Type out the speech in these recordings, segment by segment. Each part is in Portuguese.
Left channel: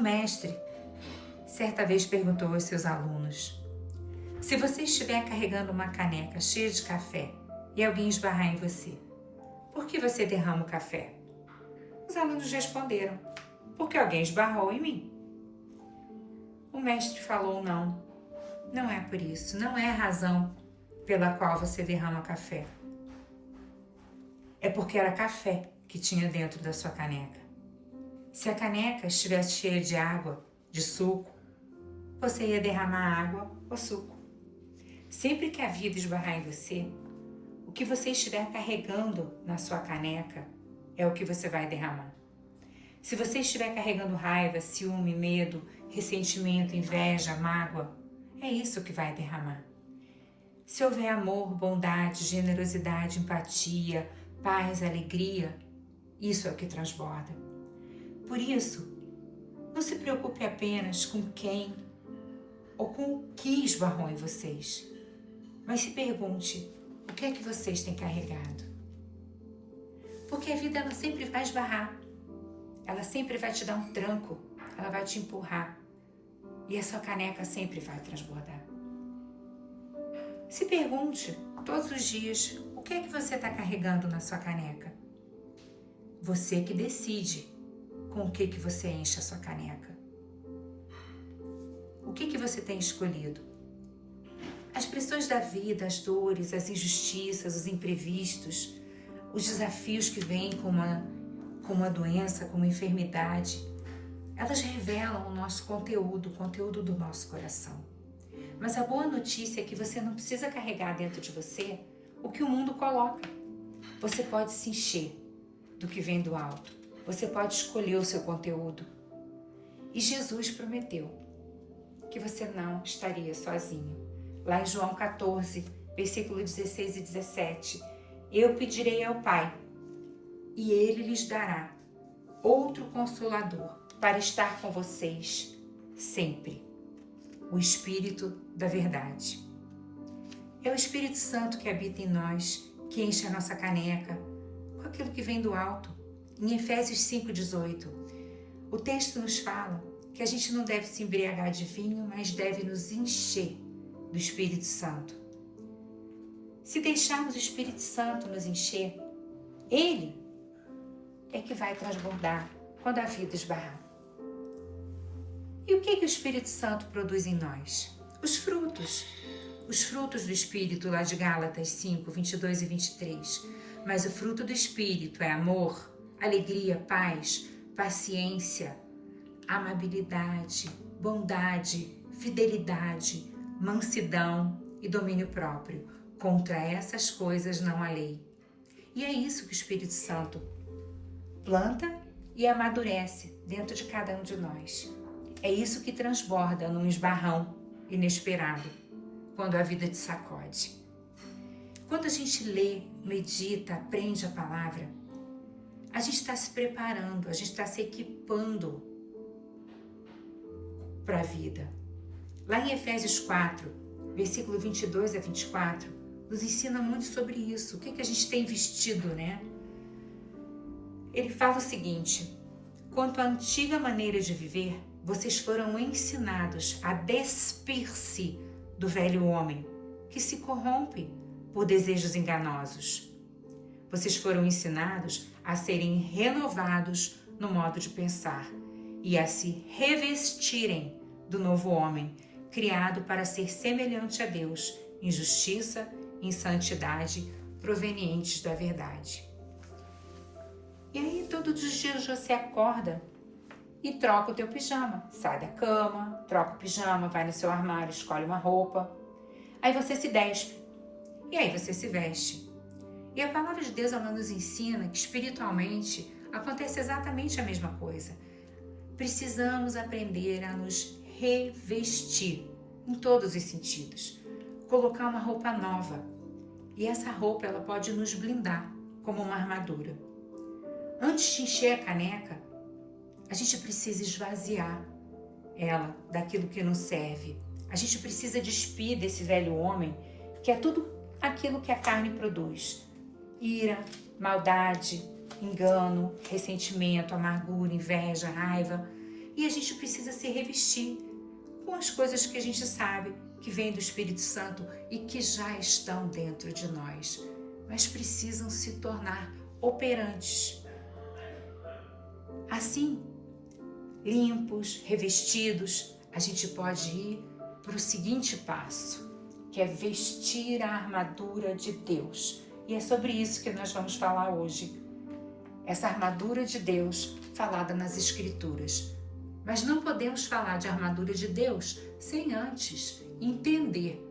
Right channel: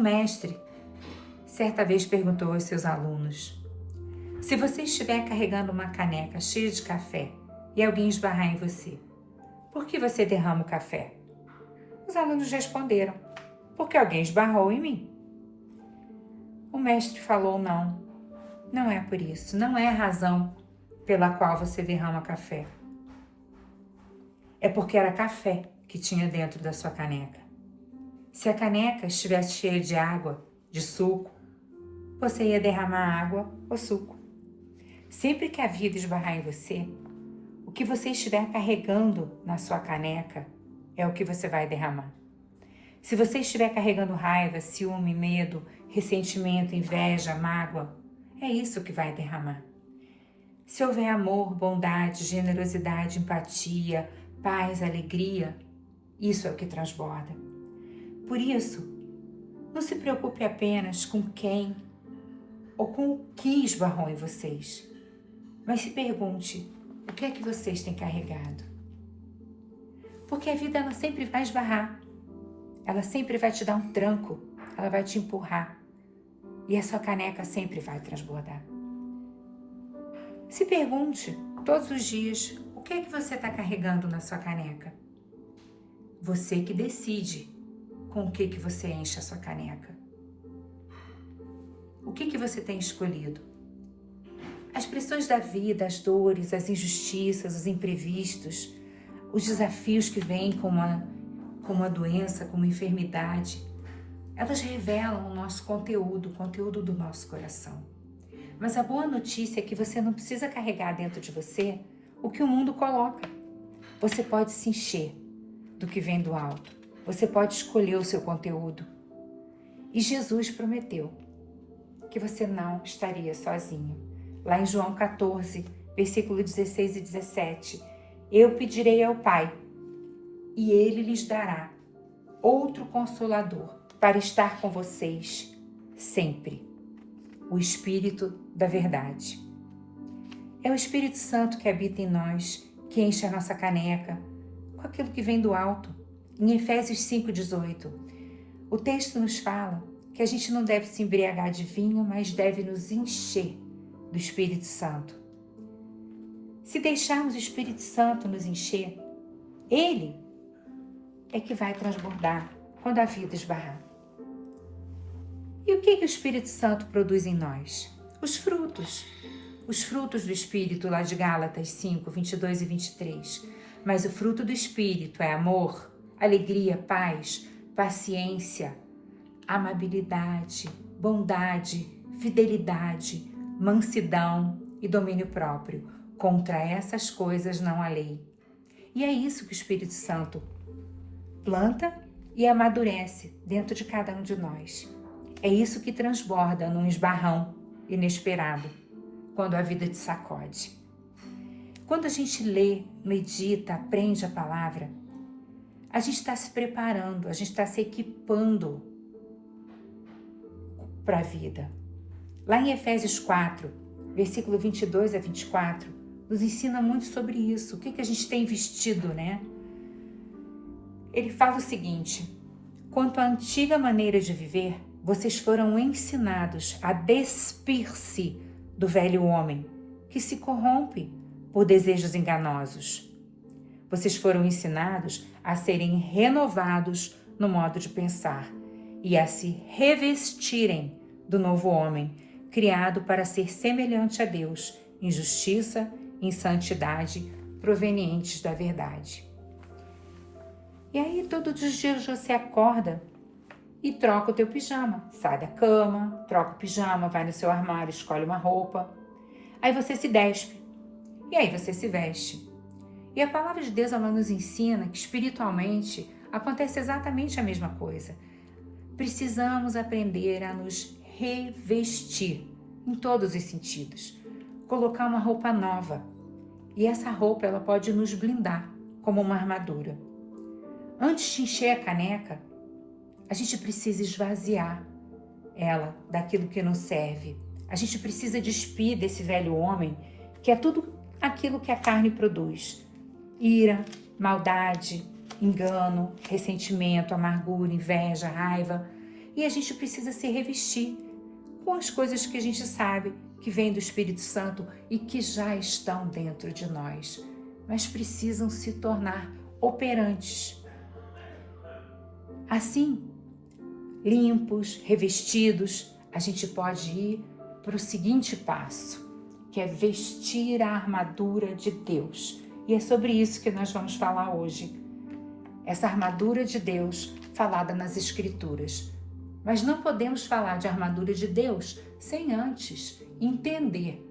mestre certa vez perguntou aos seus alunos: se você estiver carregando uma caneca cheia de café e alguém esbarrar em você, por que você derrama o café? Os alunos responderam: porque alguém esbarrou em mim. O mestre falou: não é por isso, não é a razão pela qual você derrama café. É porque era café que tinha dentro da sua caneca. Se a caneca estivesse cheia de água, de suco, você ia derramar água ou suco. Sempre que a vida esbarrar em você, o que você estiver carregando na sua caneca é o que você vai derramar. Se você estiver carregando raiva, ciúme, medo, ressentimento, inveja, mágoa, é isso que vai derramar. Se houver amor, bondade, generosidade, empatia, paz, alegria, isso é o que transborda. Por isso, não se preocupe apenas com quem ou com o que esbarrou em vocês, mas se pergunte: o que é que vocês têm carregado? Porque a vida ela sempre vai esbarrar, ela sempre vai te dar um tranco, ela vai te empurrar e a sua caneca sempre vai transbordar. Se pergunte todos os dias: o que é que você está carregando na sua caneca? Você que decide com o que você enche a sua caneca. O que você tem escolhido? As pressões da vida, as dores, as injustiças, os imprevistos, os desafios que vêm com uma doença, com uma enfermidade, elas revelam o nosso conteúdo, o conteúdo do nosso coração. Mas a boa notícia é que você não precisa carregar dentro de você o que o mundo coloca. Você pode se encher do que vem do alto. Você pode escolher o seu conteúdo. E Jesus prometeu que você não estaria sozinho. Lá em João 14, versículo 16 e 17, eu pedirei ao Pai, e Ele lhes dará outro Consolador para estar com vocês sempre, o Espírito da Verdade. É o Espírito Santo que habita em nós, que enche a nossa caneca com aquilo que vem do alto. Em Efésios 5,18, o texto nos fala que a gente não deve se embriagar de vinho, mas deve nos encher do Espírito Santo. Se deixarmos o Espírito Santo nos encher, Ele é que vai transbordar quando a vida esbarrar. E o que o Espírito Santo produz em nós? Os frutos do Espírito, lá de Gálatas 5, 22 e 23. Mas o fruto do Espírito é amor, alegria, paz, paciência, amabilidade, bondade, fidelidade, mansidão e domínio próprio. Contra essas coisas não há lei. E é isso que o Espírito Santo planta e amadurece dentro de cada um de nós. É isso que transborda num esbarrão inesperado, quando a vida te sacode. Quando a gente lê, medita, aprende a palavra, a gente está se preparando, a gente está se equipando para a vida. Lá em Efésios 4, versículo 22 a 24, nos ensina muito sobre isso. O que a gente tem vestido, né? Ele fala o seguinte: quanto à antiga maneira de viver, vocês foram ensinados a despir-se do velho homem, que se corrompe por desejos enganosos. Vocês foram ensinados a serem renovados no modo de pensar e a se revestirem do novo homem, criado para ser semelhante a Deus, em justiça, em santidade, provenientes da verdade. E aí todos os dias você acorda e troca o teu pijama. Sai da cama, troca o pijama, vai no seu armário, escolhe uma roupa. Aí você se despe. E aí você se veste. E a palavra de Deus ela nos ensina que espiritualmente acontece exatamente a mesma coisa. Precisamos aprender a nos revestir em todos os sentidos. Colocar uma roupa nova. E essa roupa ela pode nos blindar como uma armadura. Antes de encher a caneca, a gente precisa esvaziar ela daquilo que não serve. A gente precisa despir desse velho homem, que é tudo aquilo que a carne produz. Ira, maldade, engano, ressentimento, amargura, inveja, raiva. E a gente precisa se revestir com as coisas que a gente sabe que vêm do Espírito Santo e que já estão dentro de nós, mas precisam se tornar operantes. Assim, limpos, revestidos, a gente pode ir para o seguinte passo, que é vestir a armadura de Deus. E é sobre isso que nós vamos falar hoje. Essa armadura de Deus falada nas Escrituras. Mas não podemos falar de armadura de Deus sem antes entender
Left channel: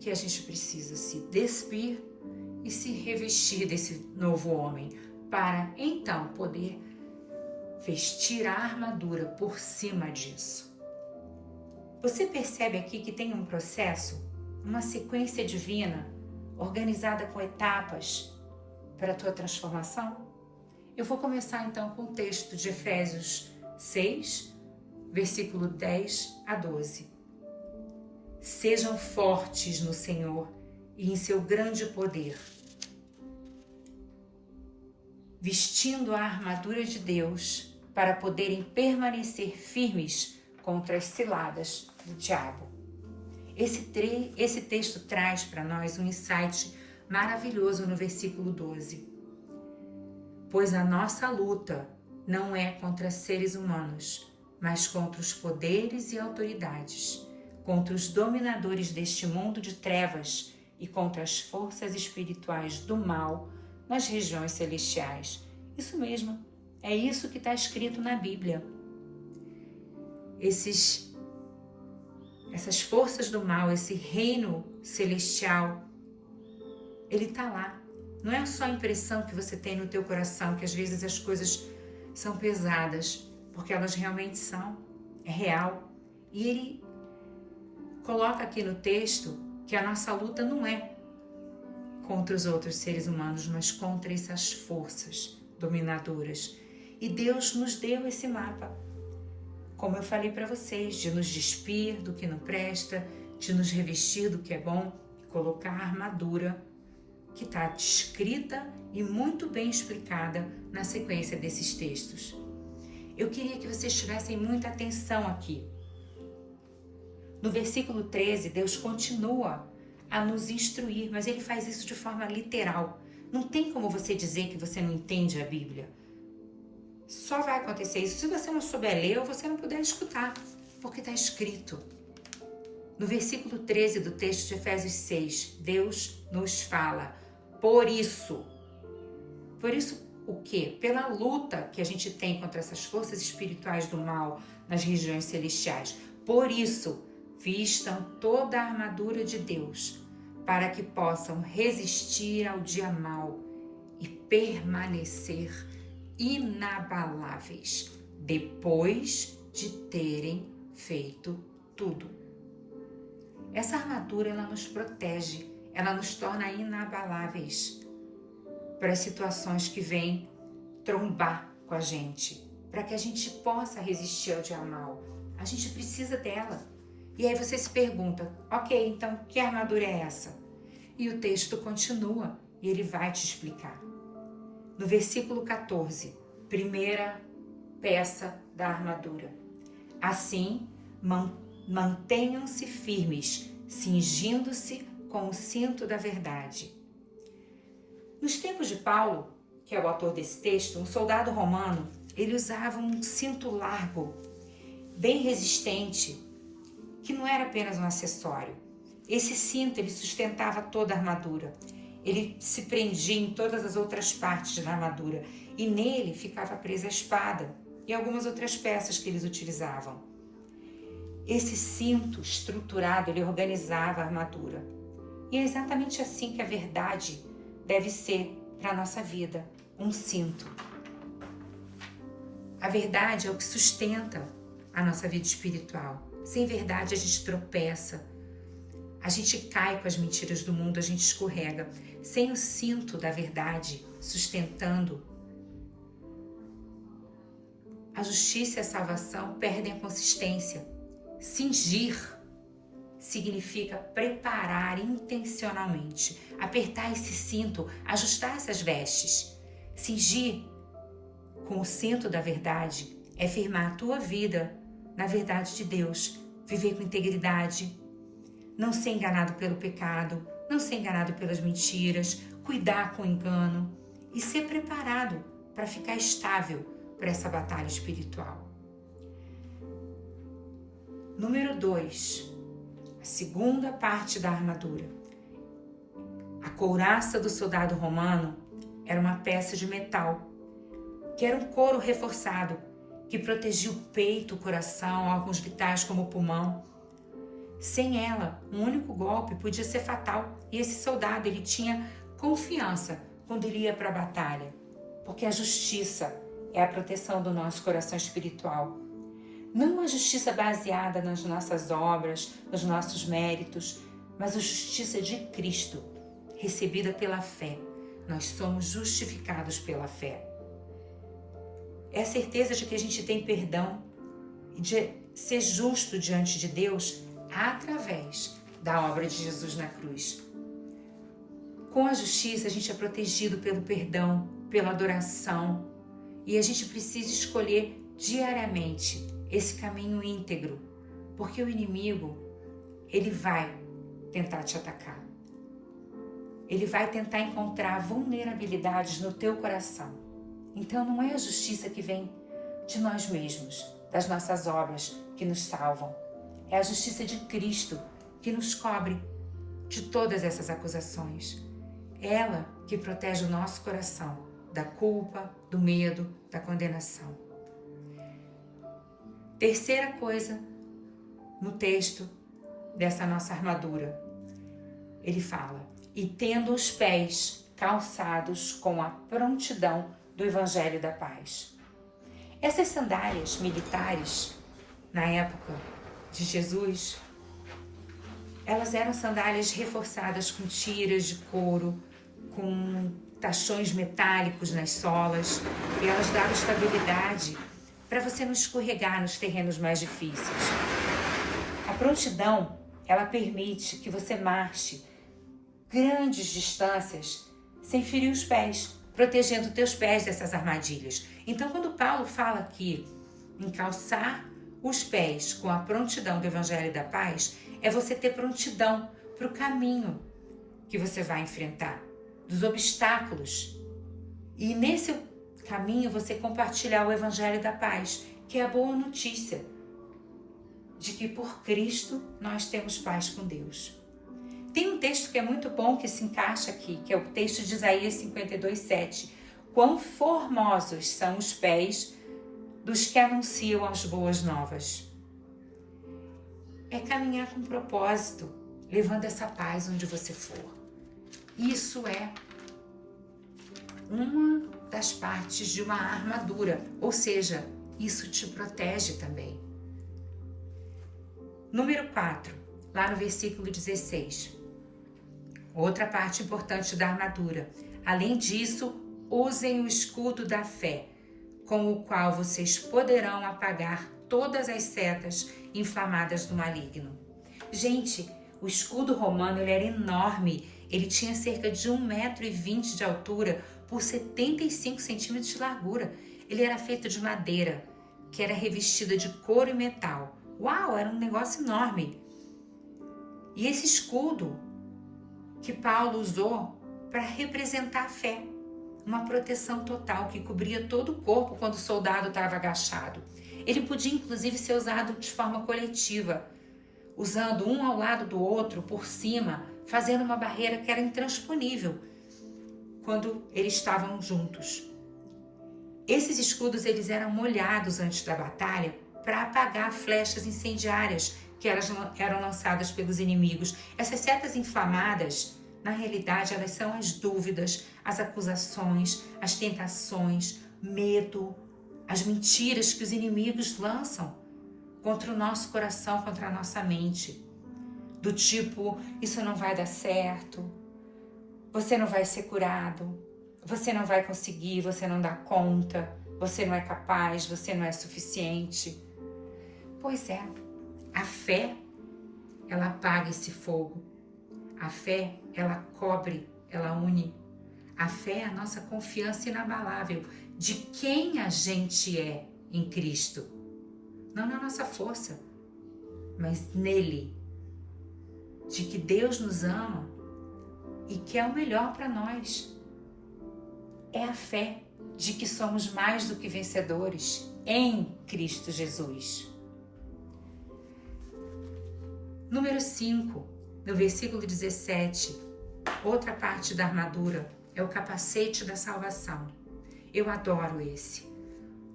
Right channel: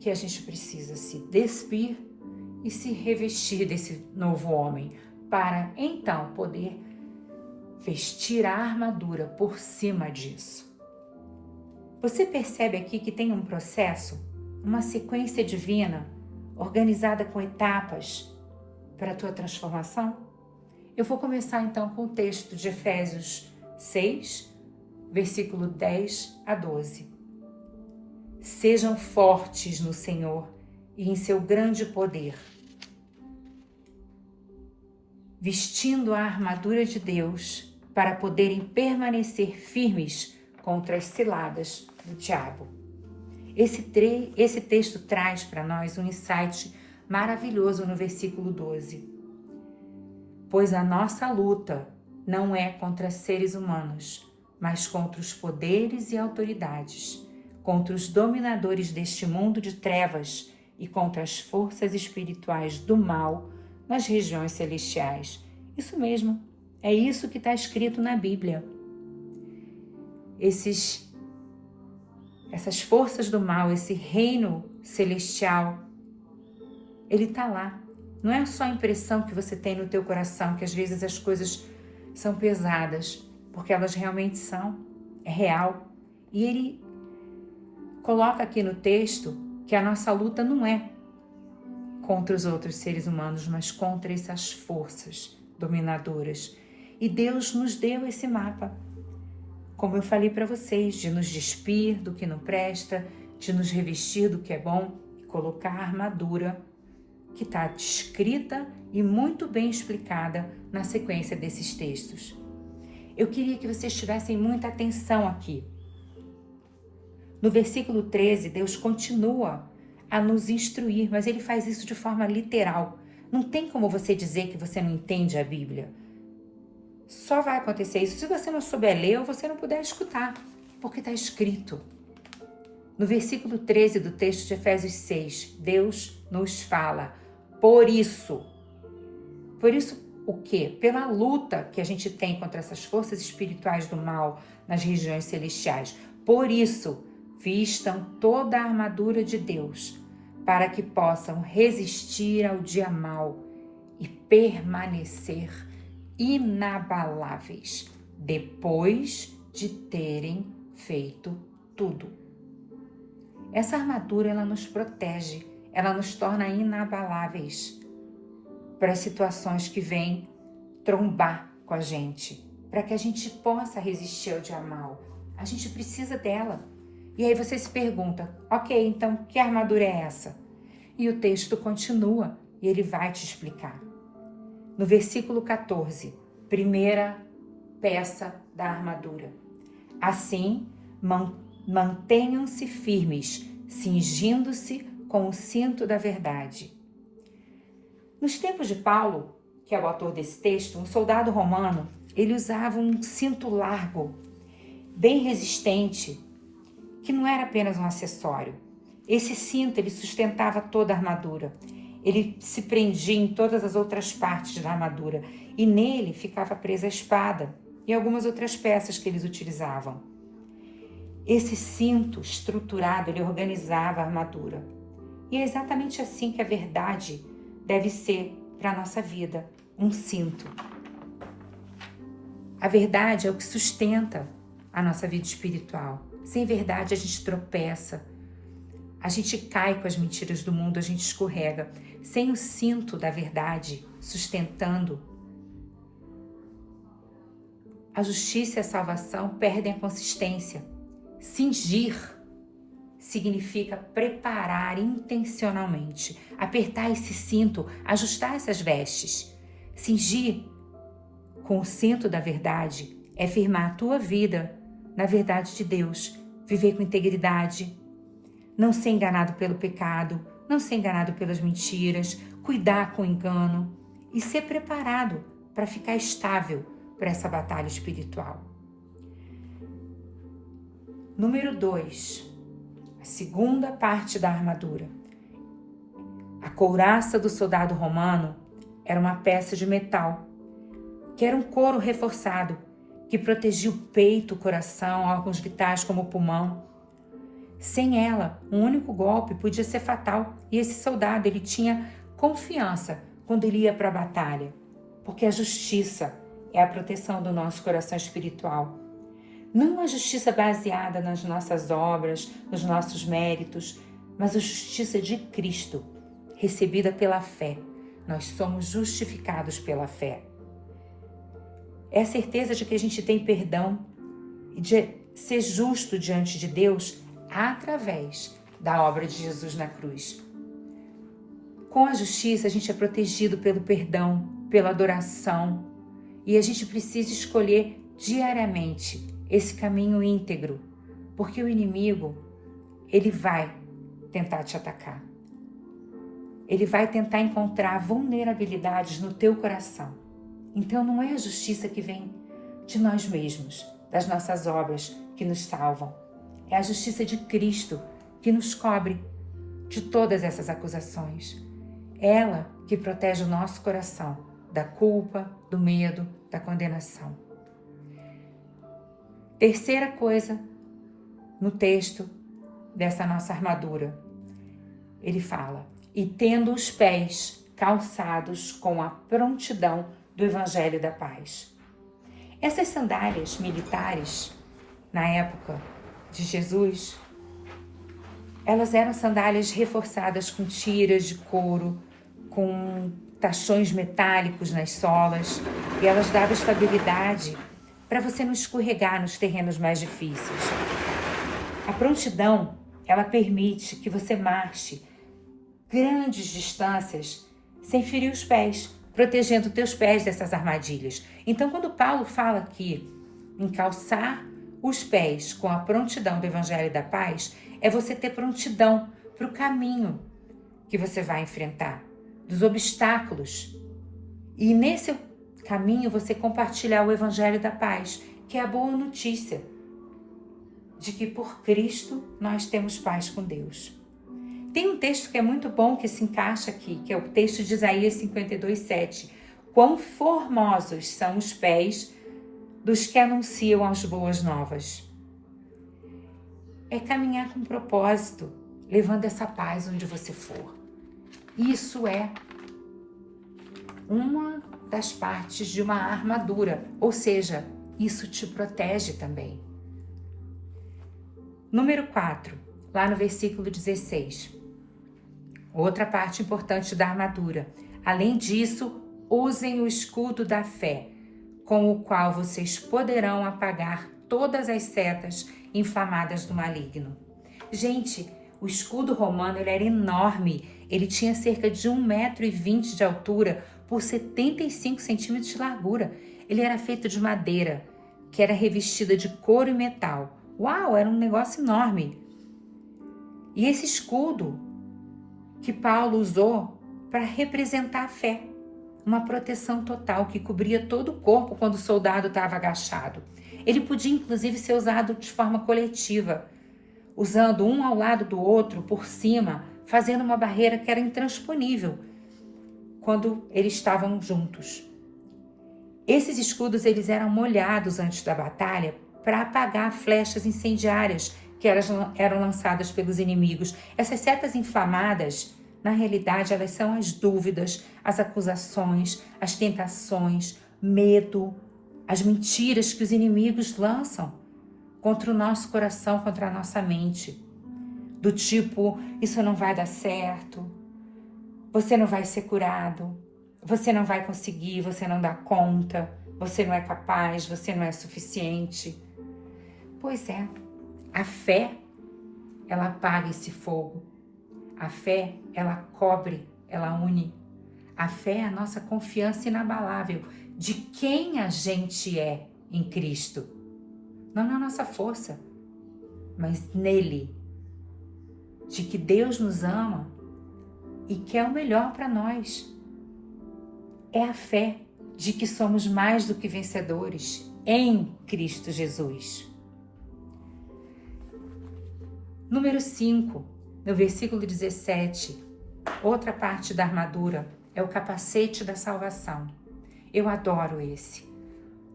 que a gente precisa se despir e se revestir desse novo homem, para então poder vestir a armadura por cima disso. Você percebe aqui que tem um processo, uma sequência divina, organizada com etapas para a tua transformação? Eu vou começar então com o texto de Efésios 6, versículo 10 a 12. Sejam fortes no Senhor e em seu grande poder, vestindo a armadura de Deus para poderem permanecer firmes contra as ciladas do diabo. Esse texto traz para nós um insight maravilhoso no versículo 12. Pois a nossa luta não é contra seres humanos, mas contra os poderes e autoridades, contra os dominadores deste mundo de trevas e contra as forças espirituais do mal nas regiões celestiais. Isso mesmo, é isso que está escrito na Bíblia. Essas forças do mal, esse reino celestial, ele está lá. Não é só a impressão que você tem no teu coração, que às vezes as coisas são pesadas, porque elas realmente são, é real. E ele coloca aqui no texto que a nossa luta não é contra os outros seres humanos, mas contra essas forças dominadoras. E Deus nos deu esse mapa, como eu falei para vocês, de nos despir do que não presta, de nos revestir do que é bom, colocar a armadura que está descrita e muito bem explicada na sequência desses textos. Eu queria que vocês tivessem muita atenção aqui. No versículo 13, Deus continua a nos instruir, mas ele faz isso de forma literal. Não tem como você dizer que você não entende a Bíblia. Só vai acontecer isso se você não souber ler ou você não puder escutar, porque está escrito. No versículo 13 do texto de Efésios 6, Deus nos fala, por isso o quê? Pela luta que a gente tem contra essas forças espirituais do mal nas regiões celestiais. Por isso, vistam toda a armadura de Deus, para que possam resistir ao dia mau e permanecer inabaláveis, depois de terem feito tudo. Essa armadura, ela nos protege, ela nos torna inabaláveis para as situações que vêm trombar com a gente, para que a gente possa resistir ao dia mau. A gente precisa dela. E aí você se pergunta, ok, então que armadura é essa? E o texto continua e ele vai te explicar. No versículo 14, primeira peça da armadura. Assim, mantenham-se firmes, cingindo-se com o cinto da verdade. Nos tempos de Paulo, que é o autor desse texto, um soldado romano, ele usava um cinto largo, bem resistente, que não era apenas um acessório. Esse cinto, ele sustentava toda a armadura. Ele se prendia em todas as outras partes da armadura e nele ficava presa a espada e algumas outras peças que eles utilizavam. Esse cinto estruturado, ele organizava a armadura. E é exatamente assim que a verdade deve ser para a nossa vida, um cinto. A verdade é o que sustenta a nossa vida espiritual. Sem verdade a gente tropeça, a gente cai com as mentiras do mundo, a gente escorrega. Sem o cinto da verdade sustentando, a justiça e a salvação perdem a consistência. Cingir significa preparar intencionalmente, apertar esse cinto, ajustar essas vestes. Cingir com o cinto da verdade é firmar a tua vida na verdade de Deus, viver com integridade, não ser enganado pelo pecado, não ser enganado pelas mentiras, cuidar com o engano e ser preparado para ficar estável para essa batalha espiritual. Número 2, a segunda parte da armadura. A couraça do soldado romano era uma peça de metal, que era um couro reforçado, que protegia o peito, o coração, órgãos vitais como o pulmão. Sem ela, um único golpe podia ser fatal, e esse soldado ele tinha confiança quando ele ia para a batalha, porque a justiça é a proteção do nosso coração espiritual. Não a justiça baseada nas nossas obras, nos nossos méritos, mas a justiça de Cristo, recebida pela fé. Nós somos justificados pela fé. É a certeza de que a gente tem perdão e de ser justo diante de Deus através da obra de Jesus na cruz. Com a justiça, a gente é protegido pelo perdão, pela adoração, e a gente precisa escolher diariamente esse caminho íntegro, porque o inimigo, ele vai tentar te atacar. Ele vai tentar encontrar vulnerabilidades no teu coração. Então não é a justiça que vem de nós mesmos, das nossas obras que nos salvam. É a justiça de Cristo que nos cobre de todas essas acusações. Ela que protege o nosso coração da culpa, do medo, da condenação. Terceira coisa no texto dessa nossa armadura. Ele fala: e tendo os pés calçados com a prontidão do Evangelho da Paz. Essas sandálias militares, na época de Jesus, elas eram sandálias reforçadas com tiras de couro, com tachões metálicos nas solas, e elas davam estabilidade para você não escorregar nos terrenos mais difíceis. A prontidão, ela permite que você marche grandes distâncias sem ferir os pés, protegendo teus pés dessas armadilhas. Então, quando Paulo fala aqui em calçar os pés com a prontidão do Evangelho da Paz, é você ter prontidão para o caminho que você vai enfrentar, dos obstáculos. E nesse caminho você compartilhar o Evangelho da Paz, que é a boa notícia de que por Cristo nós temos paz com Deus. Tem um texto que é muito bom que se encaixa aqui, que é o texto de Isaías 52:7. Quão formosos são os pés dos que anunciam as boas novas. É caminhar com propósito, levando essa paz onde você for. Isso é uma das partes de uma armadura, ou seja, isso te protege também. Número 4, lá no versículo 16. Outra parte importante da armadura. Além disso, usem o escudo da fé, com o qual vocês poderão apagar todas as setas inflamadas do maligno. Gente, o escudo romano ele era enorme. Ele tinha cerca de 1,20 m de altura por 75 centímetros de largura. Ele era feito de madeira, que era revestida de couro e metal. Uau, era um negócio enorme. E esse escudo que Paulo usou para representar a fé, uma proteção total que cobria todo o corpo quando o soldado estava agachado. Ele podia inclusive ser usado de forma coletiva, usando um ao lado do outro por cima, fazendo uma barreira que era intransponível quando eles estavam juntos. Esses escudos eles eram molhados antes da batalha para apagar flechas incendiárias que eram lançadas pelos inimigos. Essas setas inflamadas, na realidade, elas são as dúvidas, as acusações, as tentações, medo, as mentiras que os inimigos lançam contra o nosso coração, contra a nossa mente. Do tipo, isso não vai dar certo, você não vai ser curado, você não vai conseguir, você não dá conta, você não é capaz, você não é suficiente. Pois é, a fé, ela apaga esse fogo. A fé, ela cobre, ela une. A fé é a nossa confiança inabalável de quem a gente é em Cristo. não na nossa força, mas nele, de que Deus nos ama e quer o melhor para nós. É a fé de que somos mais do que vencedores em Cristo Jesus. Número 5, no versículo 17, outra parte da armadura é o capacete da salvação. Eu adoro esse.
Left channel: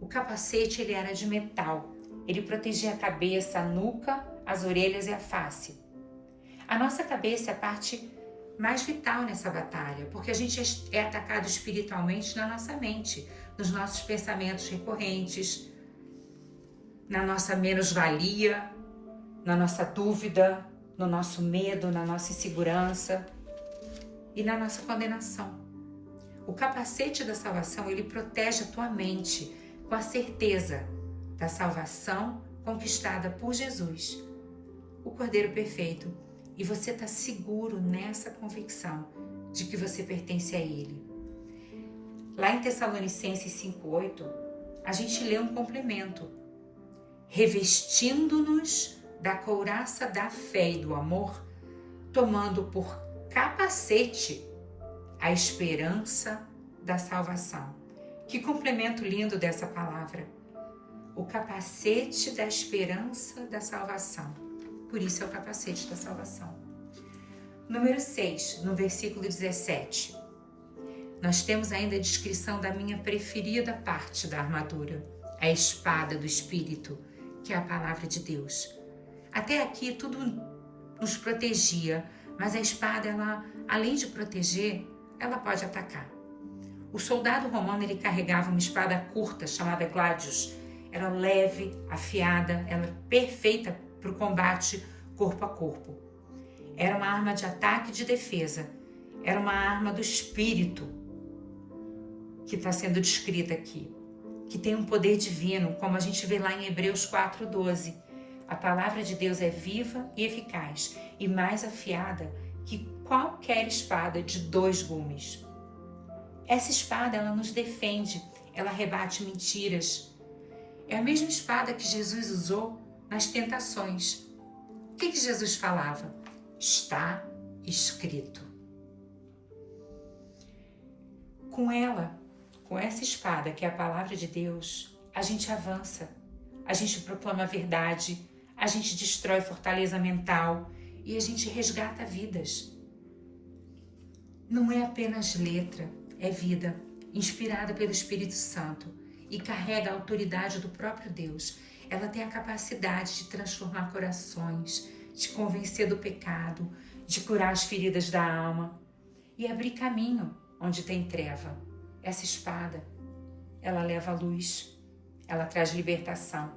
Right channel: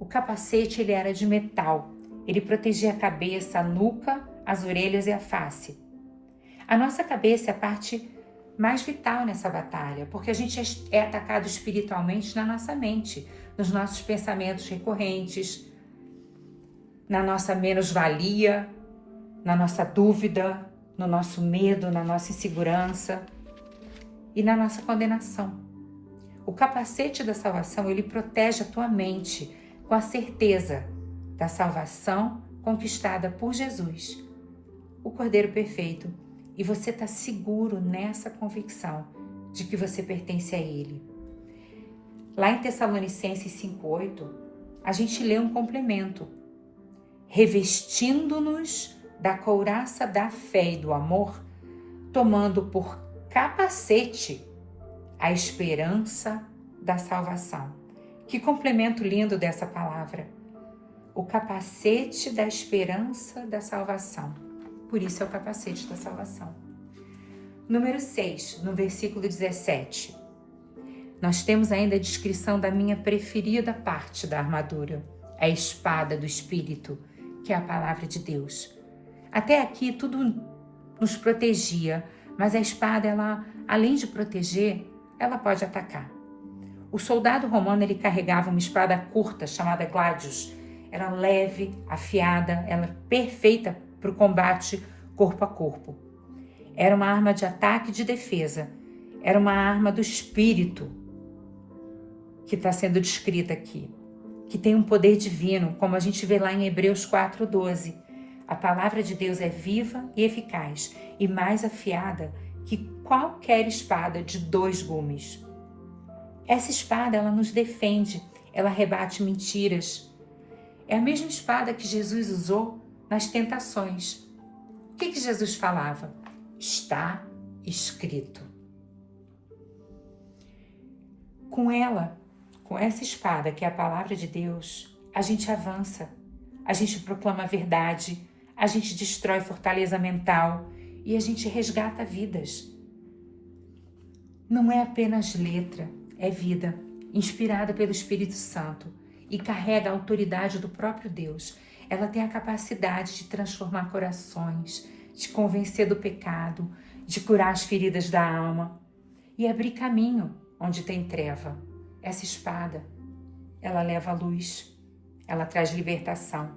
O capacete ele era de metal, ele protegia a cabeça, a nuca, as orelhas e a face. A nossa cabeça é a parte mais vital nessa batalha, porque a gente é atacado espiritualmente na nossa mente, nos nossos pensamentos recorrentes, na nossa menos-valia, na nossa dúvida, no nosso medo, na nossa insegurança e na nossa condenação. O capacete da salvação, ele protege a tua mente com a certeza da salvação conquistada por Jesus, o Cordeiro Perfeito. E você está seguro nessa convicção de que você pertence a Ele. Lá em Tessalonicenses 5:8, a gente lê um complemento. Revestindo-nos da couraça da fé e do amor, tomando por capacete a esperança da salvação. Que complemento lindo dessa palavra. O capacete da esperança da salvação. Por isso é o capacete da salvação. Número 6, no versículo 17. Nós temos ainda a descrição da minha preferida parte da armadura, a espada do Espírito, que é a palavra de Deus. Até aqui tudo nos protegia, mas a espada, ela, além de proteger, ela pode atacar. O soldado romano ele carregava uma espada curta chamada gladius. Era leve, afiada, ela perfeita para o combate corpo a corpo. Era uma arma de ataque e de defesa. Era uma arma do Espírito que está sendo descrita aqui, que tem um poder divino, como a gente vê lá em Hebreus 4:12. A palavra de Deus é viva e eficaz e mais afiada que qualquer espada de 2 gumes. Essa espada, ela nos defende, ela rebate mentiras. É a mesma espada que Jesus usou nas tentações. O que Jesus falava? Está escrito. Com ela, com essa espada, que é a palavra de Deus, a gente avança, a gente proclama a verdade, a gente destrói fortaleza mental e a gente resgata vidas. Não é apenas letra, é vida, inspirada pelo Espírito Santo e carrega a autoridade do próprio Deus. Ela tem a capacidade de transformar corações, de convencer do pecado, de curar as feridas da alma e abrir caminho onde tem treva. Essa espada, ela leva a luz, ela traz libertação.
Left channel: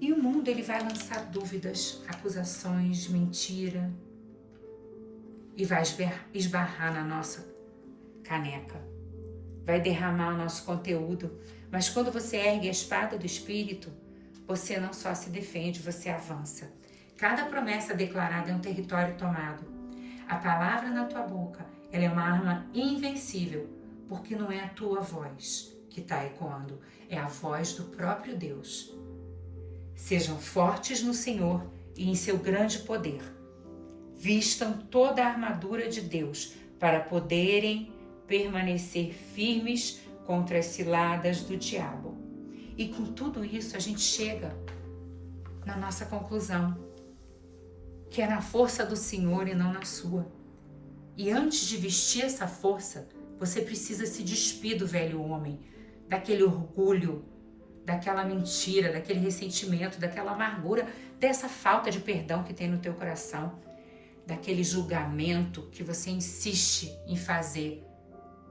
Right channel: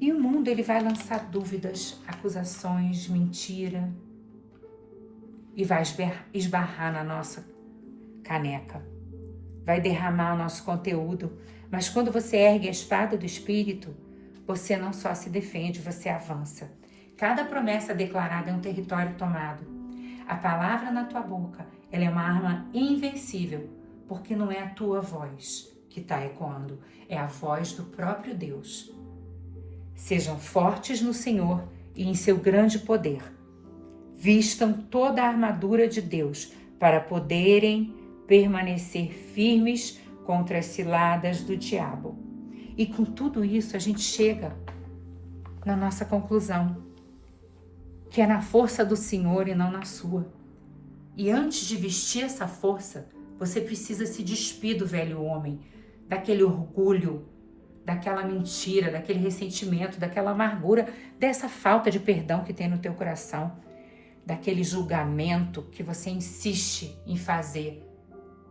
E o mundo ele vai lançar dúvidas, acusações, mentira e vai esbarrar na nossa caneca. Vai derramar o nosso conteúdo. Mas quando você ergue a espada do Espírito, você não só se defende, você avança. Cada promessa declarada é um território tomado. A palavra na tua boca, ela é uma arma invencível, porque não é a tua voz que está ecoando, é a voz do próprio Deus. Sejam fortes no Senhor e em seu grande poder. Vistam toda a armadura de Deus para poderem permanecer firmes contra as ciladas do diabo. E com tudo isso a gente chega na nossa conclusão, que é na força do Senhor e não na sua. E antes de vestir essa força, você precisa se despir do velho homem, daquele orgulho, daquela mentira, daquele ressentimento, daquela amargura, dessa falta de perdão que tem no teu coração, daquele julgamento que você insiste em fazer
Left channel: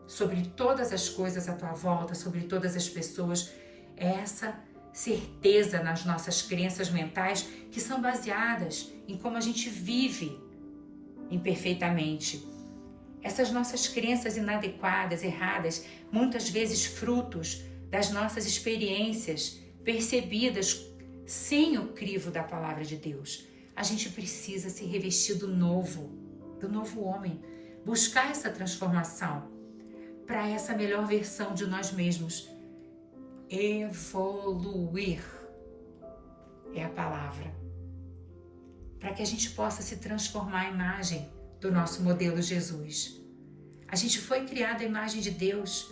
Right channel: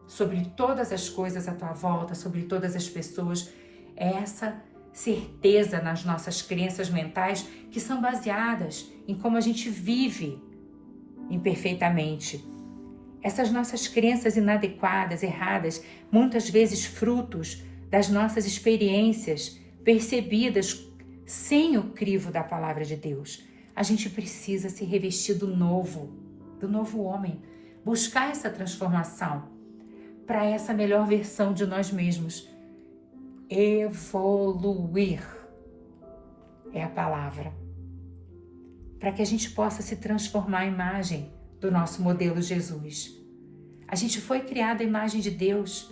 sobre todas as coisas à tua volta, sobre todas as pessoas. É essa certeza nas nossas crenças mentais que são baseadas em como a gente vive imperfeitamente. Essas nossas crenças inadequadas, erradas, muitas vezes frutos das nossas experiências percebidas sem o crivo da palavra de Deus. A gente precisa se revestir do novo homem, buscar essa transformação para essa melhor versão de nós mesmos. Evoluir. é a palavra. Para que a gente possa se transformar à imagem do nosso modelo Jesus. A gente foi criado à imagem de Deus,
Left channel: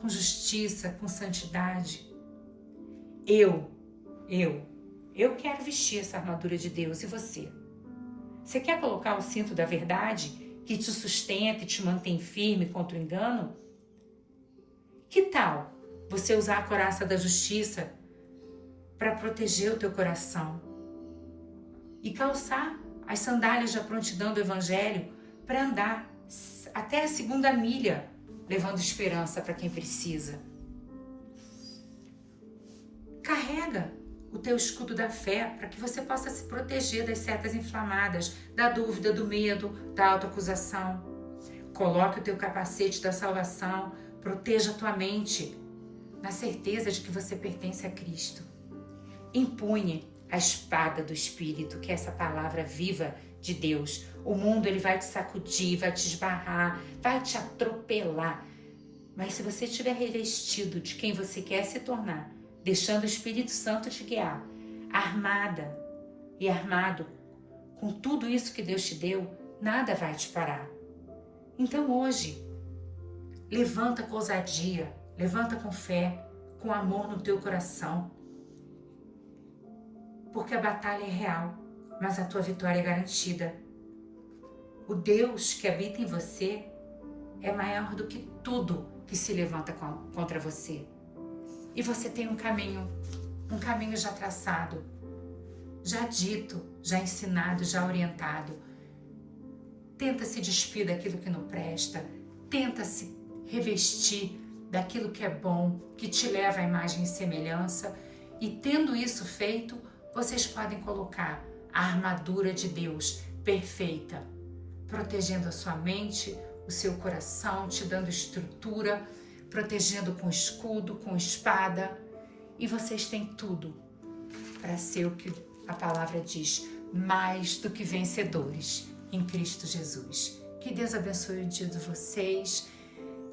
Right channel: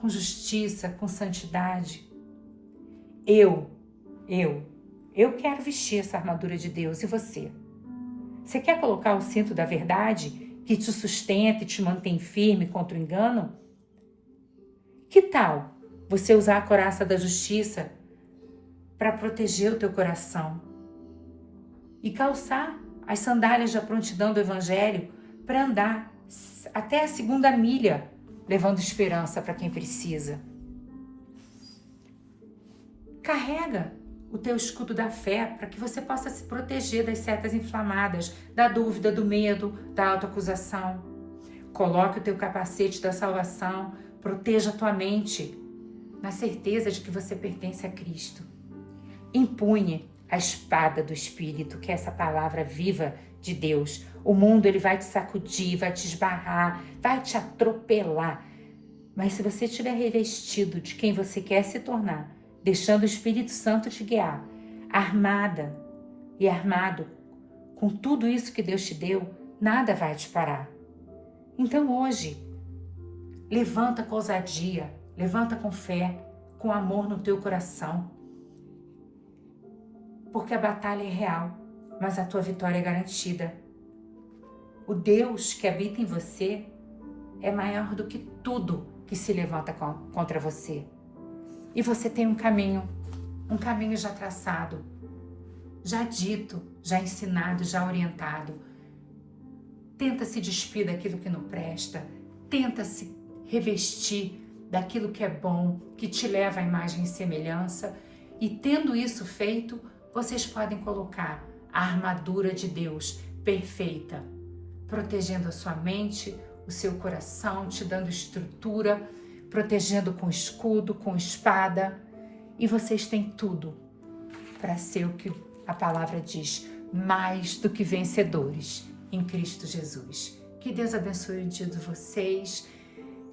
com justiça, com santidade. Eu quero vestir essa armadura de Deus. E você? Você quer colocar o cinto da verdade que te sustenta e te mantém firme contra o engano? Que tal você usar a couraça da justiça para proteger o teu coração? E calçar as sandálias da prontidão do Evangelho para andar até a 2ª milha, levando esperança para quem precisa. Carrega o teu escudo da fé para que você possa se proteger das setas inflamadas, da dúvida, do medo, da autoacusação. Coloque o teu capacete da salvação, proteja a tua mente, na certeza de que você pertence a Cristo. Empunhe a espada do Espírito, que é essa palavra viva de Deus. O mundo ele vai te sacudir, vai te esbarrar, vai te atropelar. Mas se você estiver revestido de quem você quer se tornar, deixando o Espírito Santo te guiar, armada e armado com tudo isso que Deus te deu, nada vai te parar. Então hoje, levanta com ousadia, levanta com fé, com amor no teu coração. Porque a batalha é real, mas a tua vitória é garantida. O Deus que habita em você é maior do que tudo que se levanta contra você. E você tem um caminho já traçado, já dito, já ensinado, já orientado. Tenta se despir daquilo que não presta, tenta se revestir daquilo que é bom, que te leva à imagem e semelhança. E tendo isso feito, vocês podem colocar a armadura de Deus perfeita, protegendo a sua mente, o seu coração, te dando estrutura, protegendo com escudo, com espada. E vocês têm tudo para ser o que a palavra diz, mais do que vencedores em Cristo Jesus. Que Deus abençoe o dia de vocês,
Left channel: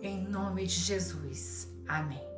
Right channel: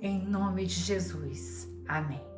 em nome de Jesus. Amém.